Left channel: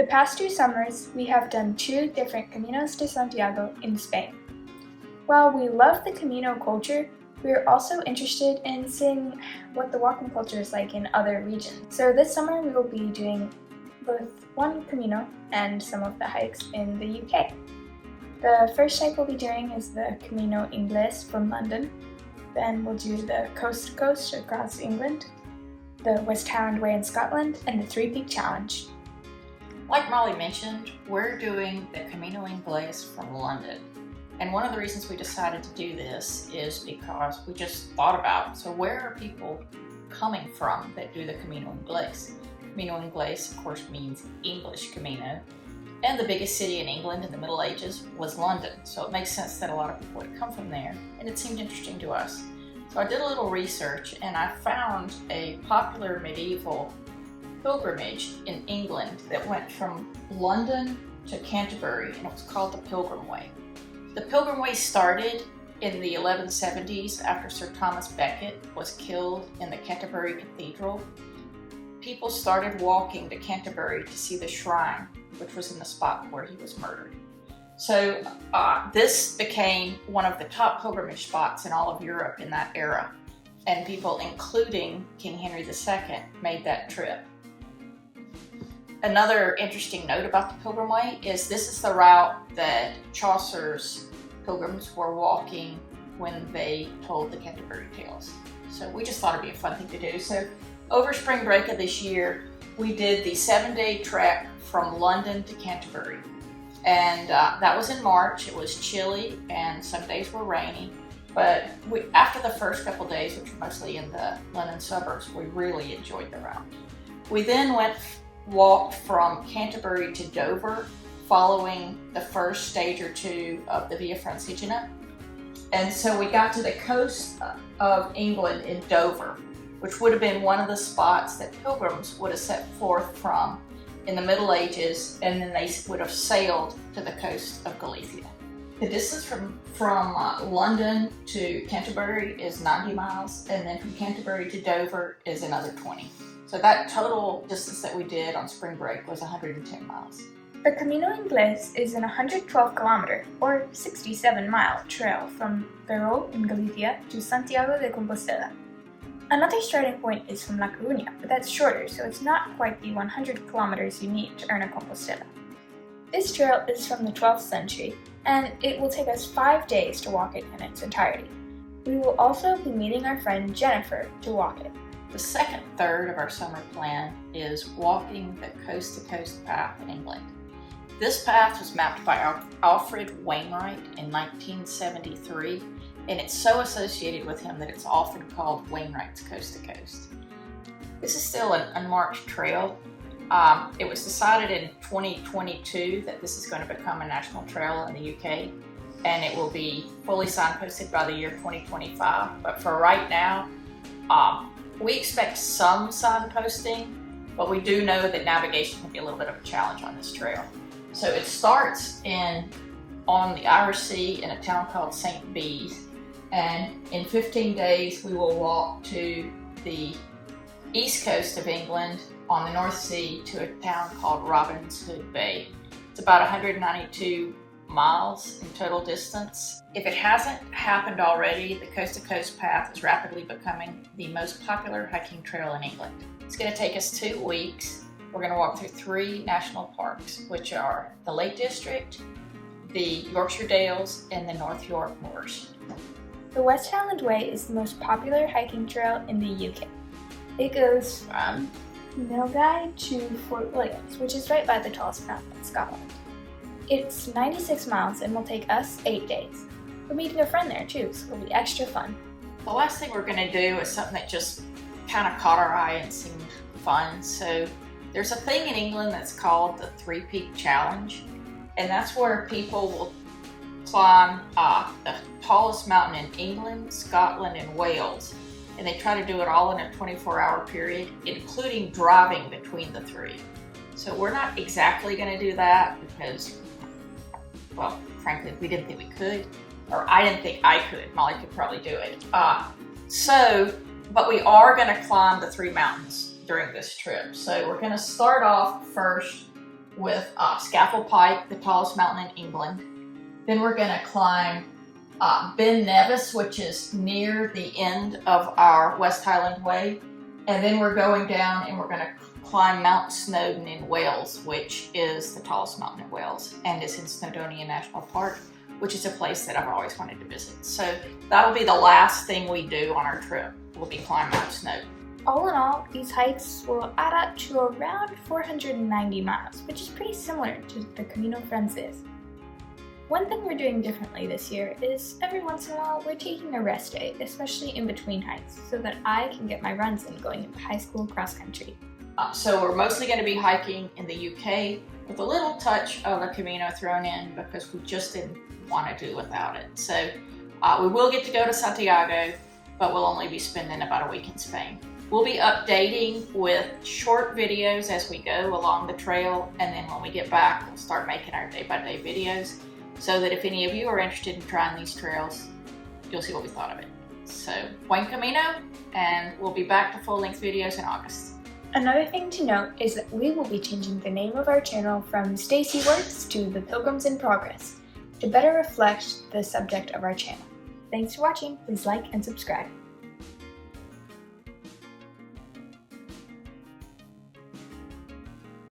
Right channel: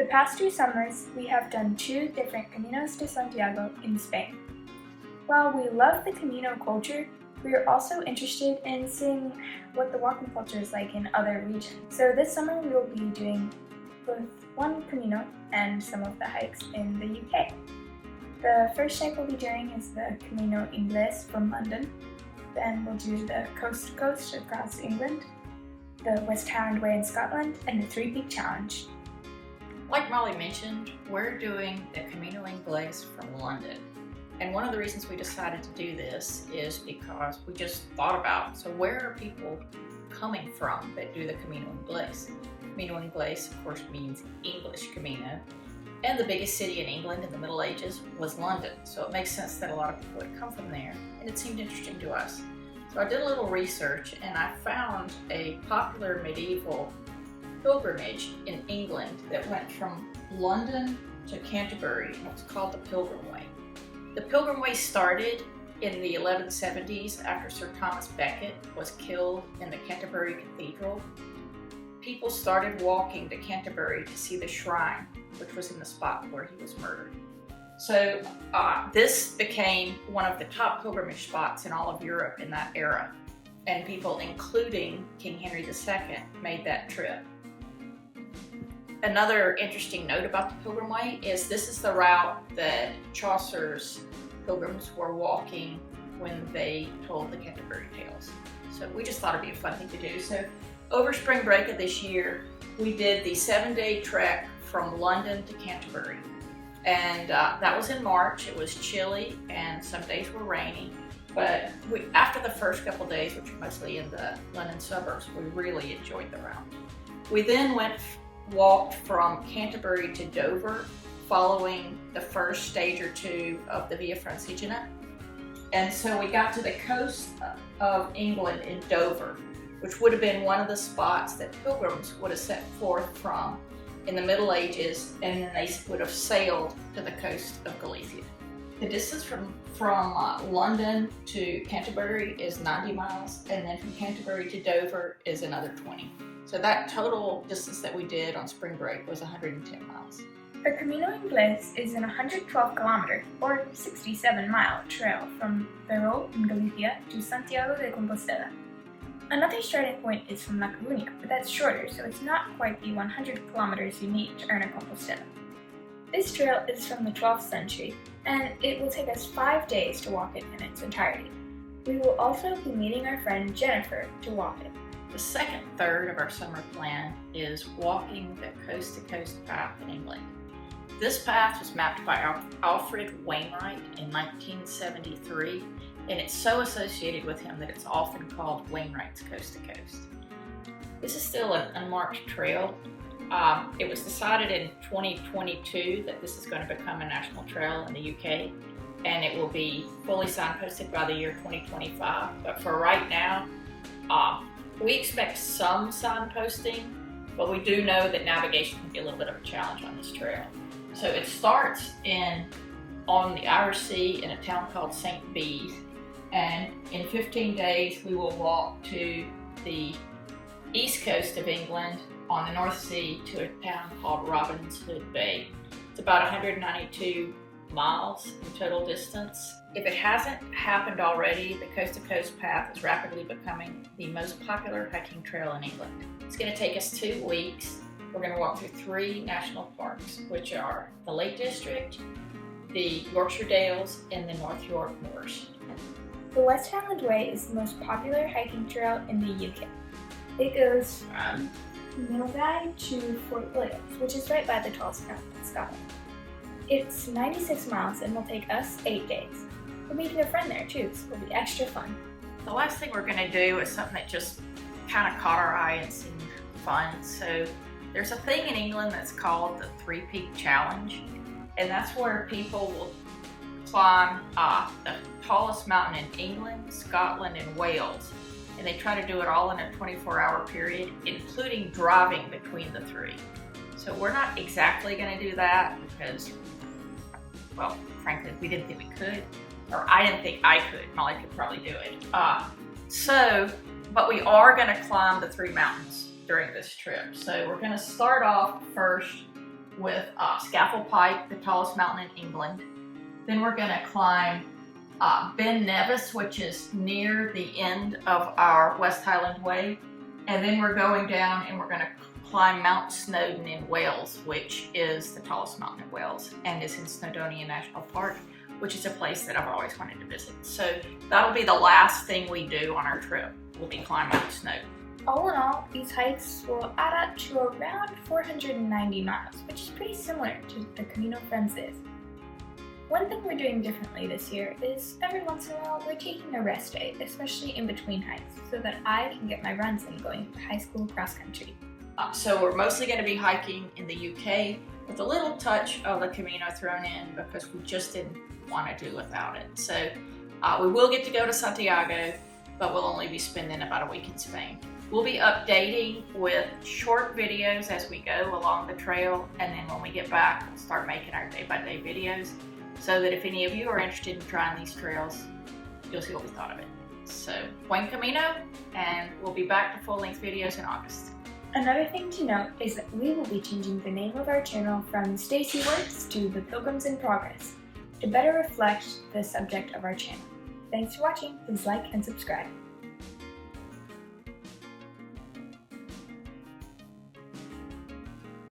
The past 2 summers, we have done 2 different Caminos de Santiago in Spain. While we love the Camino culture, we are also interested in seeing what the walking culture is like in other regions. So this summer we will be doing both one Camino and some of the hikes in the UK. The first hike we'll be doing is the Camino Ingles from London. Then we'll do the coast to coast across England, the West Highland Way in Scotland, and the 3-Peak Challenge. Like Molly mentioned, we're doing the Camino English from London. And one of the reasons we decided to do this is because we just thought about, so where are people coming from that do the Camino Ingles? Camino Ingles, of course, means English Camino. And the biggest city in England in the Middle Ages was London. So it makes sense that a lot of people would come from there. And it seemed interesting to us. So I did a little research and I found a popular medieval pilgrimage in England that went from London to Canterbury, and it was called the Pilgrim Way. The Pilgrim Way started in the 1170s after Sir Thomas Becket was killed in the Canterbury Cathedral. People started walking to Canterbury to see the shrine, which was in the spot where he was murdered. So this became one of the top pilgrimage spots in all of Europe in that era, and people, including King Henry II, made that trip. Another interesting note about the Pilgrim Way is this is the route that Chaucer's pilgrims were walking when they told the Canterbury Tales. So we just thought it'd be a fun thing to do. So over spring break of this year, we did the 7-day trek from London to Canterbury. And that was in March. It was chilly and some days were rainy. But after the first couple days, which were mostly in the London suburbs, we really enjoyed the route. We then walked from Canterbury to Dover, following the first stage or 2 of the Via Francigena. And so we got to the coast of England in Dover, which would have been one of the spots that pilgrims would have set forth from in the Middle Ages, and then they would have sailed to the coast of Galicia. The distance from London to Canterbury is 90 miles, and then from Canterbury to Dover is another 20. So that total distance that we did on spring break was 110 miles. The Camino Ingles is an 112-kilometer, or 67-mile trail from Ferrol in Galicia to Santiago de Compostela. Another starting point is from La Coruña, but that's shorter, so it's not quite the 100 kilometers you need to earn a Compostela. This trail is from the 12th century, and it will take us 5 days to walk it in its entirety. We will also be meeting our friend Jennifer to walk it. The second third of our summer plan is walking the coast-to-coast path in England. This path was mapped by Alfred Wainwright in 1973, and it's so associated with him that it's often called Wainwright's Coast to Coast. This is still an unmarked trail. It was decided in 2022 that this is going to become a national trail in the UK, and it will be fully signposted by the year 2025. But for right now, we expect some signposting, but we do know that navigation can be a little bit of a challenge on this trail. So it starts on the Irish Sea in a town called St. Bees, and in 15 days we will walk to the east coast of England on the North Sea to a town called Robin's Hood Bay. It's about 192 miles in total distance. If it hasn't happened already, the Coast to Coast path is rapidly becoming the most popular hiking trail in England. It's going to take us 2 weeks. We're going to walk through 3 national parks, which are the Lake District, the Yorkshire Dales, and the North York Moors. The West Highland Way is the most popular hiking trail in the UK. It goes from Milngavie to Fort Williams, which is right by the tallest mountain in Scotland. It's 96 miles and will take us 8 days. We're meeting a friend there too, so it'll be extra fun. The last thing we're going to do is something that just kind of caught our eye and seemed fun. So there's a thing in England that's called the 3-Peak Challenge, and that's where people will climb the tallest mountain in England, Scotland, and Wales. And they try to do it all in a 24-hour period, including driving between the 3. So we're not exactly going to do that because, well, frankly, we didn't think we could, or I didn't think I could. Molly could probably do it. But we are going to climb the 3 mountains during this trip. So we're going to start off first with Scaffold Pike, the tallest mountain in England. Then we're going to climb Ben Nevis, which is near the end of our West Highland Way. And then we're going down and we're going to climb Mount Snowdon in Wales, which is the tallest mountain in Wales and is in Snowdonia National Park, which is a place that I've always wanted to visit. So that'll be the last thing we do on our trip. We'll be climbing Mount Snowdon. All in all, these hikes will add up to around 490 miles, which is pretty similar to the Camino Frances. One thing we're doing differently this year is every once in a while we're taking a rest day, especially in between hikes, so that I can get my runs in going into high school cross country. So we're mostly going to be hiking in the UK with a little touch of the Camino thrown in because we just didn't want to do without it. So we will get to go to Santiago, but we'll only be spending about a week in Spain. We'll be updating with short videos as we go along the trail, and then when we get back, we'll start making our day-by-day videos so that if any of you are interested in trying these trails, you'll see what we thought of it. So, buen camino, and we'll be back to full-length videos in August. Another thing to note is that we will be changing the name of our channel from Stacey Works to The Pilgrims in Progress to better reflect the subject of our channel. Thanks for watching. Please like and subscribe.